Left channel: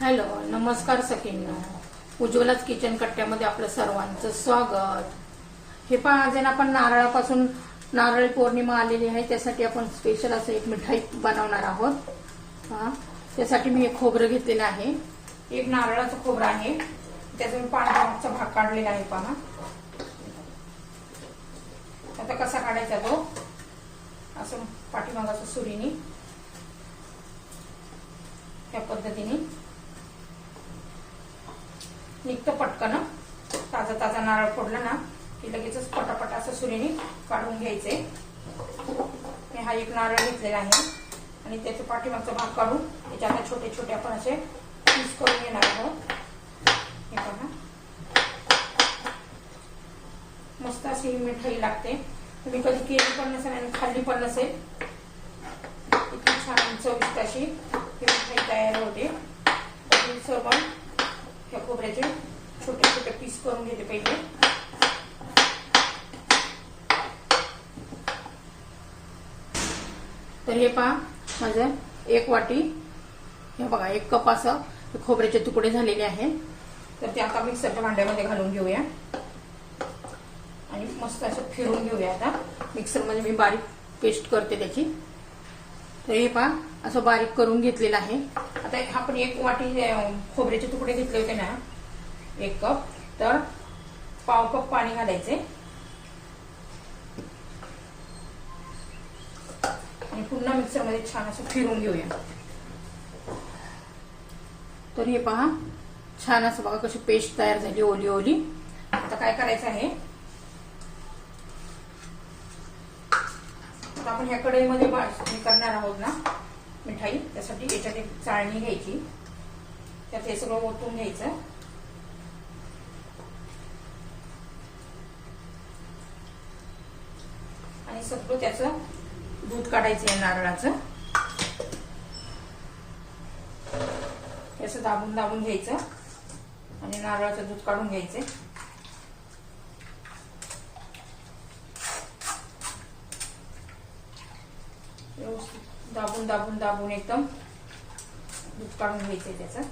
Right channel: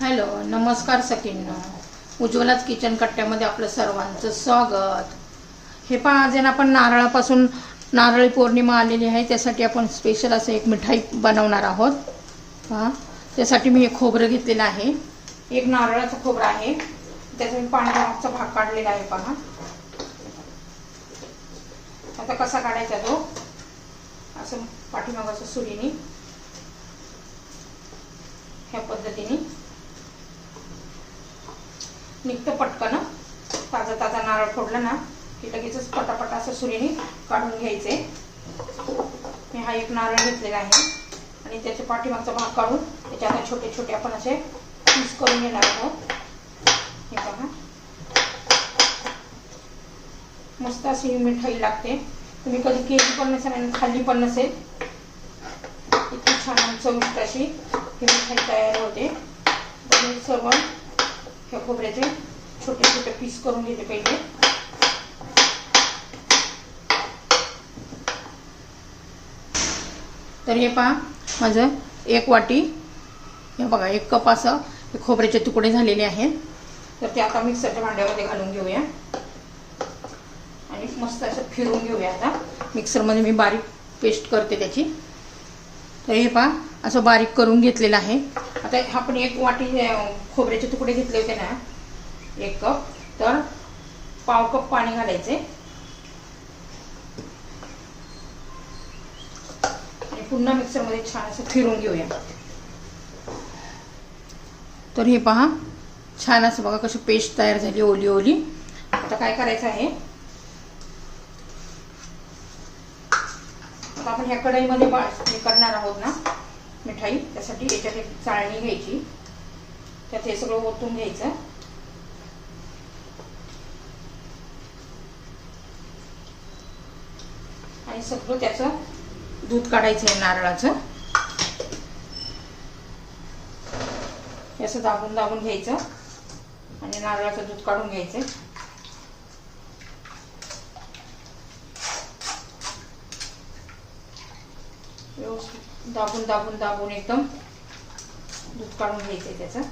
Hello नमस्कार सखींनो. उज्ज्वलाच kitchen कट्ट्यामध्ये आपलं सर्वांचं स्वागत. हे पहा आज ना आपण नारळापासून नारळी पौर्णिमा आलेली आहे त्यासाठी आपण स्पेशल असं एक मिठाई बनवणार आहोत. हां त्यासाठी मी हे खोबरं घेतलेलं आहे. एक नारळाचं खोबरं आहे. त्याचा मी पांढरा भाग काढलेला आहे पहा. आता कसा काढायचा तो? असं पाठीमागाचं सुरीने. ह्या पद्धतीने. निघतं पटकन. ताजा ताजा नारळ फोडला ना की लगेचच पटापट असं सुरीने काढून घ्यायचे. मी हा एक नारळ घेतलेला आहे. आणि त्याच्या पाठीमागचा भाग काढून त्याच्या आता छोटे छोटे आपण असे पीस करून घेणार आहोत. हे बघा मस्त अशी ही मिठाई लागते. तुम्ही कधी केली पण नसेल आणि खाल्ली पण नसेल. इतकी छान चविष्ट अशी ही मिठाई तयार होते. सर्व ह्या खोबऱ्याचे छोटे छोटे पीस करून घेते पहिले तर हे पहा माझं एक वाटी हे बघा एक कप असं खोबऱ्याचे तुकडे झालेले आहेत तर ते आता मिक्सरच्या भांड्यामध्ये घालून घेऊया आणि मस्त असं फिरून घेऊया आता मिक्सरमध्ये मी बारीक पेस्ट करते त्याची तर हे पहा असं बारीक करून घेतलेलं आहे आता आपण एक वाटी खोबऱ्याचे तुकडे घेतले होते ना एक कप. तर पाव कप पाणी घालायचे. आणि पुन्हा मिक्सरमध्ये छान असं फिरून घेऊया. तर हे पहा छान असं बघा कशी पेस्ट तयार झाली ओली ओली. आता काय करायचं आहे? आता आपण ह्या कढईमध्ये हे करणार आहोत ना. मिठाई त्यासाठी याच्यात एक चाळणी घ्यायची. त्यात हे सगळं ओतून घ्यायचं. आणि सगळं त्याचं दूध काढायचं आहे नारळाचं. असं दाबून दाबून घ्यायचं. आणि नारळाचं दूध काढून घ्यायचं व्यवस्थित. दाबून दाबून दाबून एकदम दूध काढून घ्यायचंय त्याचं.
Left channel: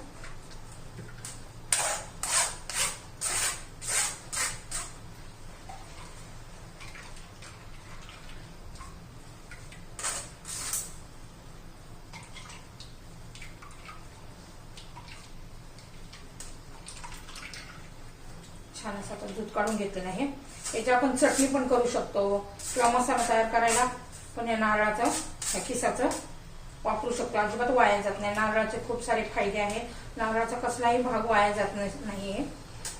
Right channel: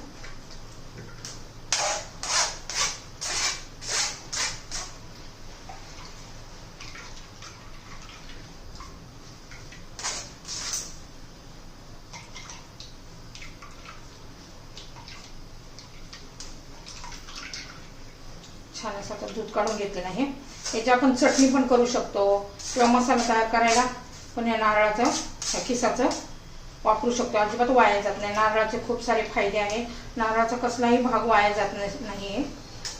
छान असं आता दूध काढून घेतलेलं आहे. याची आपण चटणी पण करू शकतो किंवा मसाला तयार करायला पण या नारळाचं खिसाचं वापरू शकतो. अजिबात वाया जात नाही. नारळाचे खूप सारे फायदे आहेत. नारळाचा कसलाही भाग वाया जात नाही आहे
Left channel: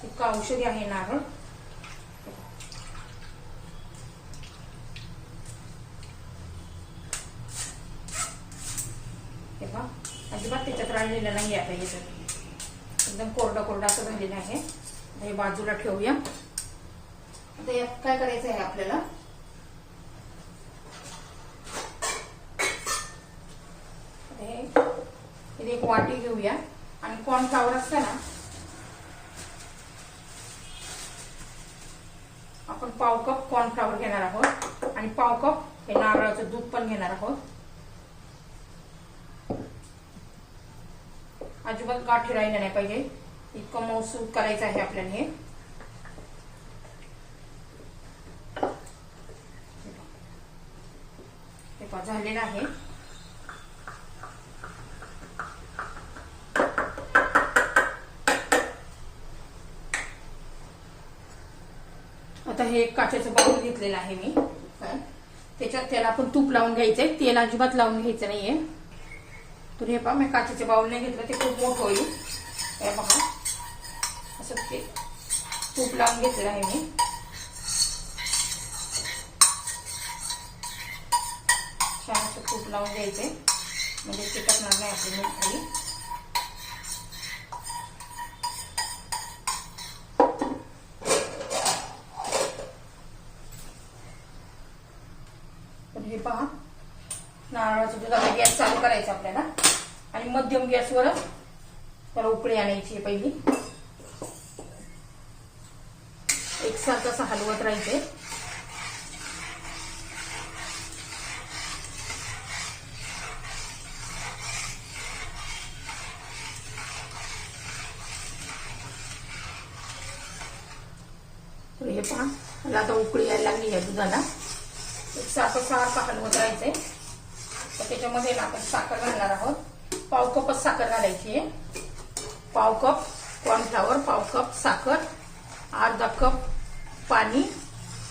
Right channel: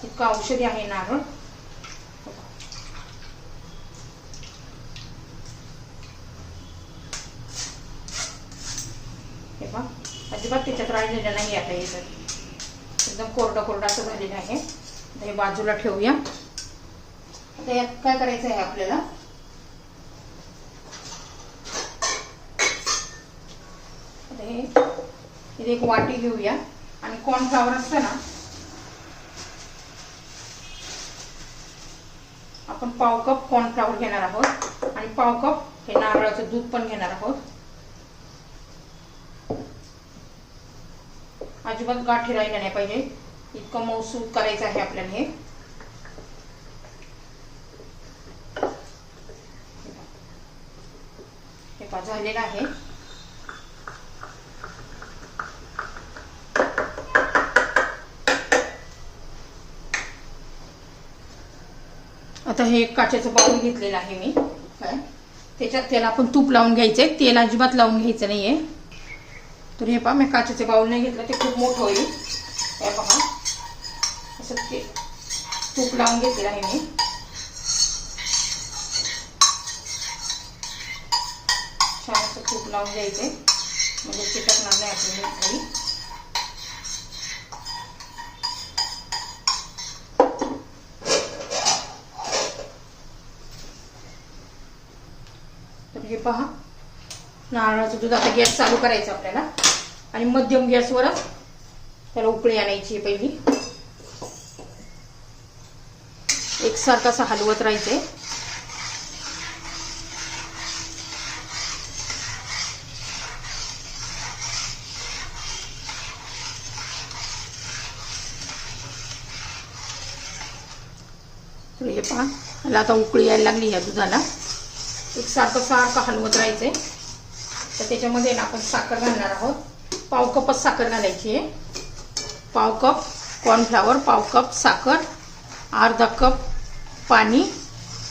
इतकं औषधी आहे नारळ. हे बघ. अजिबात त्याच्यात राहिलेलं नाही आता हे तर. एकदम कोरडं कोरडं असं झालेलं आहे. हे बाजूला ठेवूया. आता यात काय करायचं आहे आपल्याला आता हे इथे एक वाटी घेऊया. आणि कॉर्नफ्लावर असतं ना आपण पाव कप कॉर्नफ्लावर घेणार आहोत. आणि पाव कप हे नारळाचं दूध पण घेणार आहोत. अजिबात गाठी राहिल्या नाही पाहिजे. इतकं मऊसूद करायचं आहे आपल्याला हे पहा झालेलं आहे आता हे एक काचेचं पाऊल घेतलेलं आहे मी. काय त्याच्यात त्याला आपण तूप लावून घ्यायचंय. तेल अजिबात लावून घ्यायचं नाहीये. तर हे पहा मी काचेचे बाऊल नाही घेतलं ते खूप मोठं होईल. हे पहा. असं ते तूप लावून घेतलेलं आहे मी. छान असं तूप लावून द्यायचंय म्हणजे चिटकणार नाही आपण मिठाई पहा. नारळाचं दूध आता गॅस चालू करायचं आपल्याला. आणि मध्यम गॅसवरच त्याला उकळी आणायची पहिली. एकसारखं असं हलवत राहायचे हे पहा. मला आता उकळी यायला लागली या दुधाला. सारखं सारखं हलवत राहायचंय तर त्याच्यामध्ये ना आपण साखर घालणार आहोत. पाव कपच साखर घालायची आहे. पाव कप कॉर्नफ्लावर पाव कप साखर अर्धा कप पाणी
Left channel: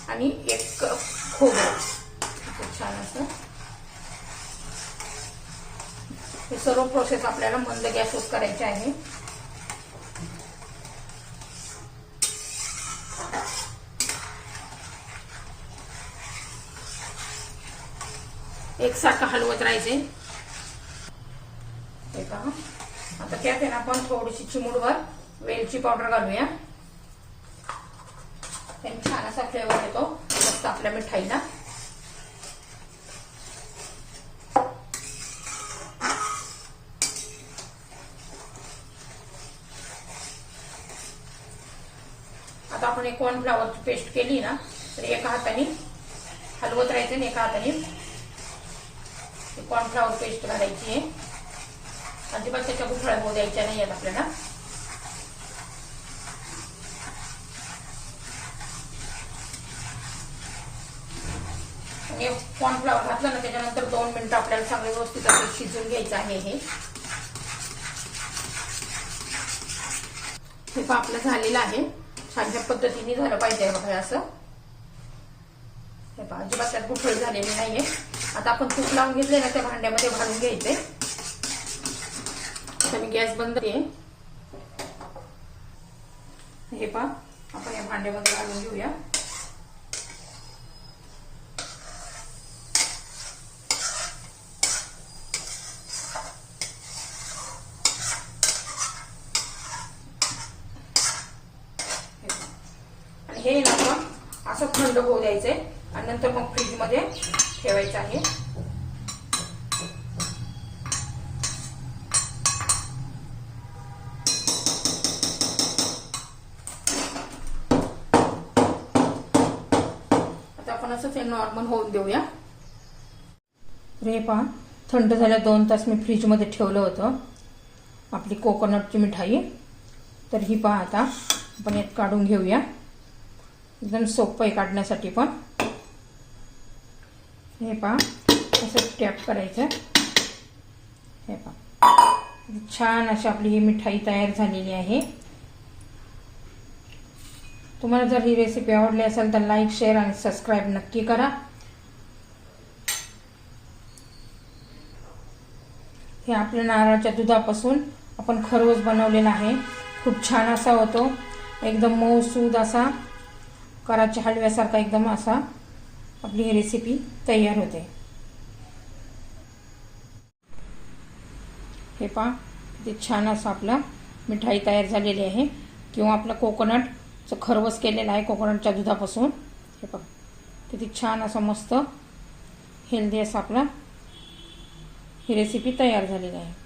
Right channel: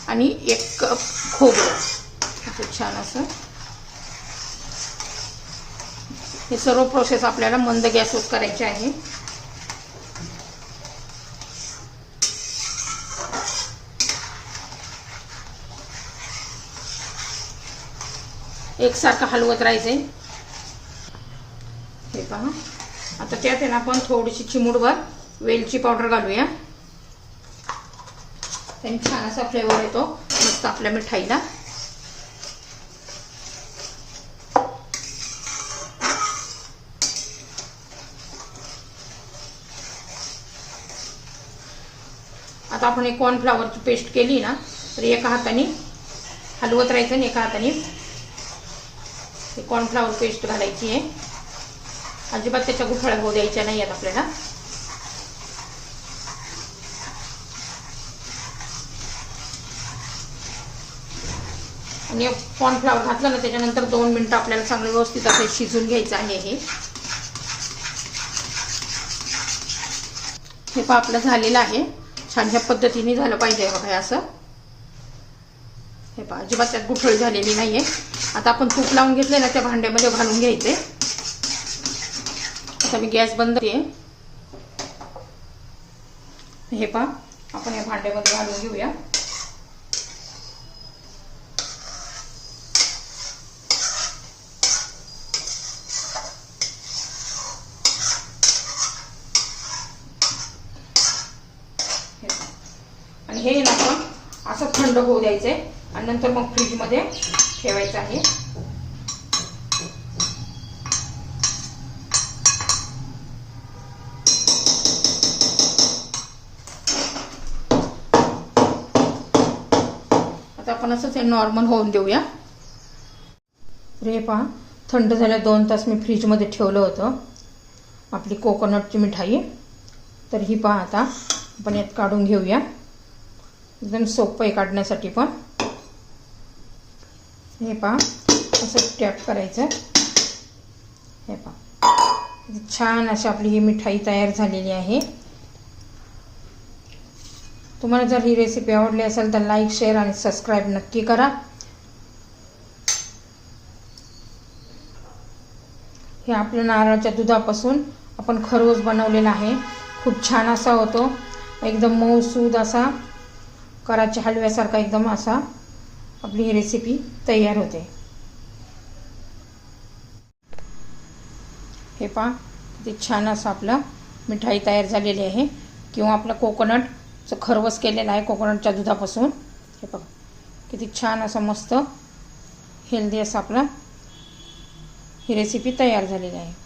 आणि एक कप खोबरं. खूप छान असं. हे सर्व प्रोसेस आपल्याला मंद गॅसवर करायचे आहे. एकसारखं हलवत राहायचंय. हे पहा. आता त्यात आहे ना आपण थोडीशी चिमूडभर वेलची पावडर घालूया. त्याने छान असा फ्लेवर येतो. मस्त आपल्या मिठाईला. आता आपण एक कॉर्नफ्लावरची पेस्ट केली ना तर एका हाताने हलवत राहायचं आणि एका हाताने कॉर्नफ्लावर पेस्ट घालायची आहे. अजिबात त्याच्या गुठळ्या होऊ द्यायच्या नाही आहेत आपल्याला. आणि कॉर्नफ्लावर घातलं ना त्याच्यानंतर दोन मिनटं आपल्याला चांगलं व्यवस्थित असं शिजून घ्यायचं आहे हे. हे पहा आपलं झालेलं आहे. छानशा पद्धतीने झालं पाहिजे बघा असं. हे पहा अजिबात त्यात गुठळी झालेली नाही आहे आता आपण तूप लावून घेतले ना त्या भांड्यामध्ये घालून घ्यायचे. आता मी गॅस बंद आहे हे पहा आपण या भांड्यामध्ये घालून घेऊया. आणि हे ना आपण असं थंड होऊ द्यायचंय. आणि नंतर मग फ्रीजमध्ये ठेवायचं आहे. आता आपण असंच हे नॉर्मल होऊन देऊया. रे पहा थंड झाल्या दोन तास मी फ्रीजमध्ये ठेवलं होतं. आपली कोकोनटची मिठाई. तर ही पहा आता आपण यात काढून घेऊया. एकदम सोपं आहे काढण्यासाठी पण. हे पहा असं टॅप करायचं. हे पहा. छान अशी आपली ही मिठाई तयार झालेली आहे. तुम्हाला जर ही रेसिपी आवडली असेल तर लाईक शेअर आणि सबस्क्राईब नक्की करा. हे आपल्या नारळाच्या दुधापासून आपण खरवस बनवलेला आहे. खूप छान असा होतो. एकदम मऊसूद असा. कराच्या हलव्यासारखा एकदम असा. आपली ही रेसिपी तयार होते. हे पहा किती छान असं आपलं मिठाई तयार झालेली आहे. किंवा आपलं कोकोनटचं खरवस केलेलं आहे कोकोनटच्या दुधापासून. हे बघा किती छान असं मस्त हेल्दी असं आपलं ही रेसिपी तयार झालेली आहे.